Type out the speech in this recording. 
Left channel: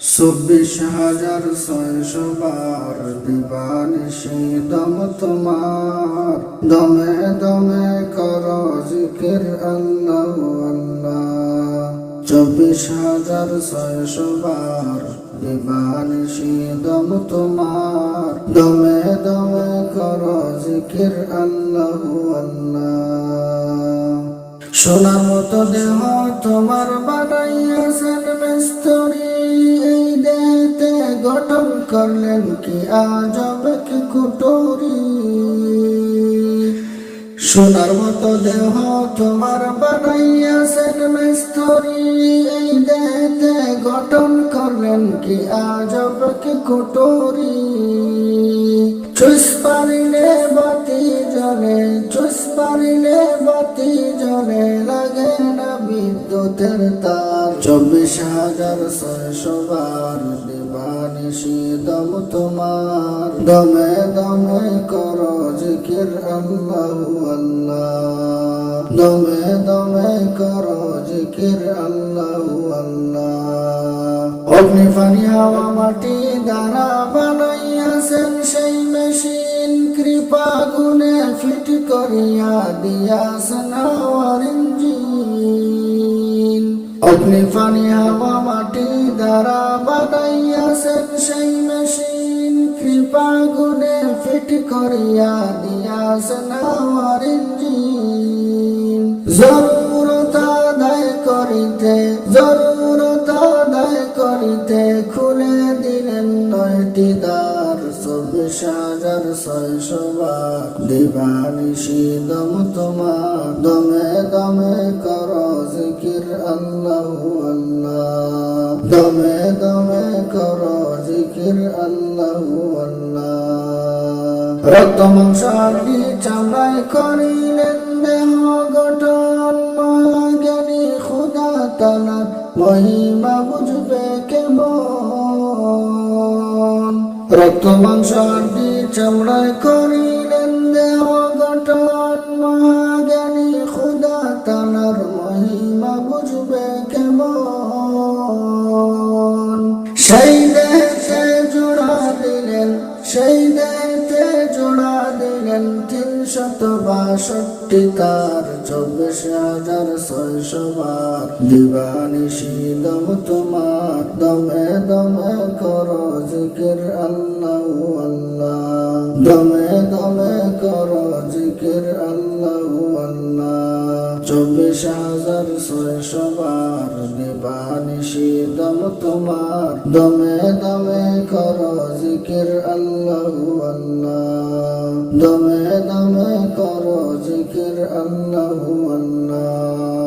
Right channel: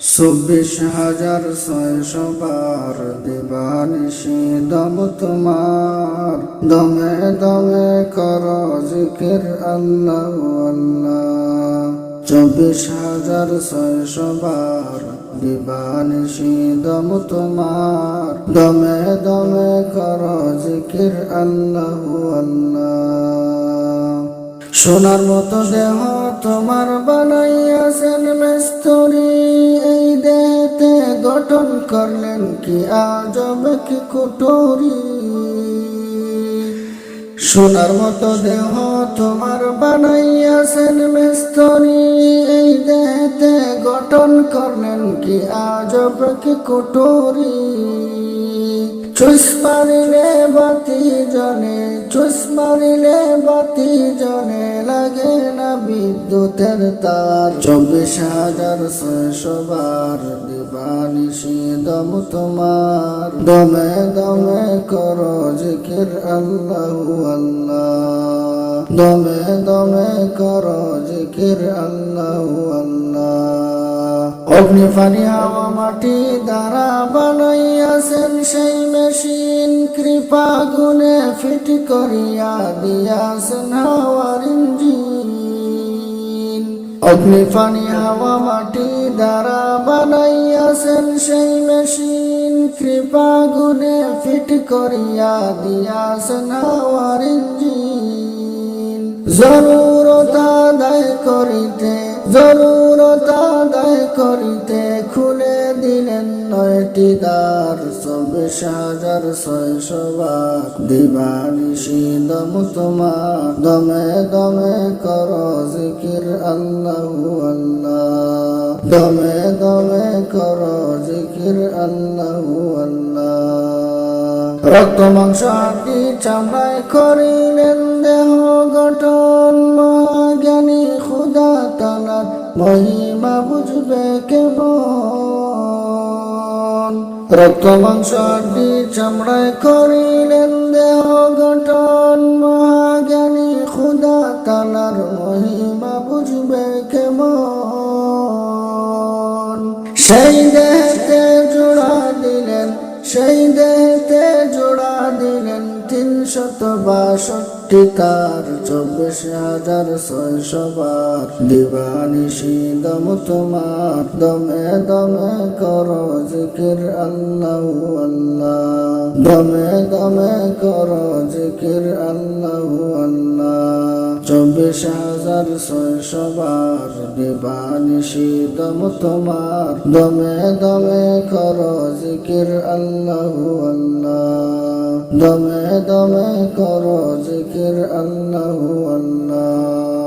চব্বিশ হাজার ছয়শো বার দিবানিশি দম তোমার। দমে দমে কর জিকির, আল্লাহ আল্লাহ। চব্বিশ হাজার ছয়শো বার দিবানিশি দম তোমার। দমে দমে কর জিকির, আল্লাহ আল্লাহ। সোনার মতো দেহ তোমার বানাইয়াছেন মেস্তরি। দেহতে গঠন করলেন কি আজব কি কুটরি? সোনার মতো দেহ তোমার বানাইয়াছেন মেস্তরি। এই দেহতে গঠন করলেন কি আজব কি কুটরি? চুস মারিলে বাতি জলে, চুস মারিলে বাতি জলে, লাগে না বিদ্যুতের তার। চব্বিশ হাজার ছয়শো বার দিবানিশি দম তোমার। দমে দমে করো জিকির, আল্লাহ আল্লাহ। দমে দমে কর জিকির, আল্লাহ আল্লাহ। অগ্নি পানি হাওয়া মাটি দ্বারা বানাইয়াছেন সেই মেশিন। কৃপা গুণে ফিট করিয়া দিয়াছেন হাওয়ার ইঞ্জিন। অগ্নি পানি হাওয়া মাটি দ্বারা বানাইয়াছেন সেই মেশিন। কৃপা গুণে ফিট করিয়া দিয়াছেন হাওয়ার ইঞ্জিন। আদায় করিতে, জরুরত আদায় করিতে, খুলে দিলেন নয়টি দ্বার, চব্বিশ হাজার ছয়শো বার দিবানিশি দম তোমার, দমে দমে কর জিকির আল্লাহ আল্লাহ। দমে দমে কর জিকির আল্লাহ আল্লাহ। রক্ত মাংস হাড্ডি চামড়ায় করিলেন দেহ গঠন। মহাজ্ঞানী খুদা তালার মহিমা বুঝবে কেমন? রক্ত মাংস হাড্ডি চামড়ায় করিলেন দেহ গঠন। মহাজ্ঞানী খুদা তালার মহিমা বুঝবে কেমন? সেই দেহতে জোড়া দিলেন, সেই দিলেন তিনশত বাষট্টি তার, চব্বিশ হাজার ছয়শো বার। দিবানিশি দম তোমার, দমে দমে কর জিকির আল্লাহ আল্লাহ। দমে দমে কর জিকির আল্লাহ আল্লাহ। চব্বিশ হাজার ছয়শো বার দিবানিশি দম তোমার। দমে দমে কর জিকির, আল্লাহ আল্লাহ। দমে দমে কর জিকির, আল্লাহ আল্লাহ।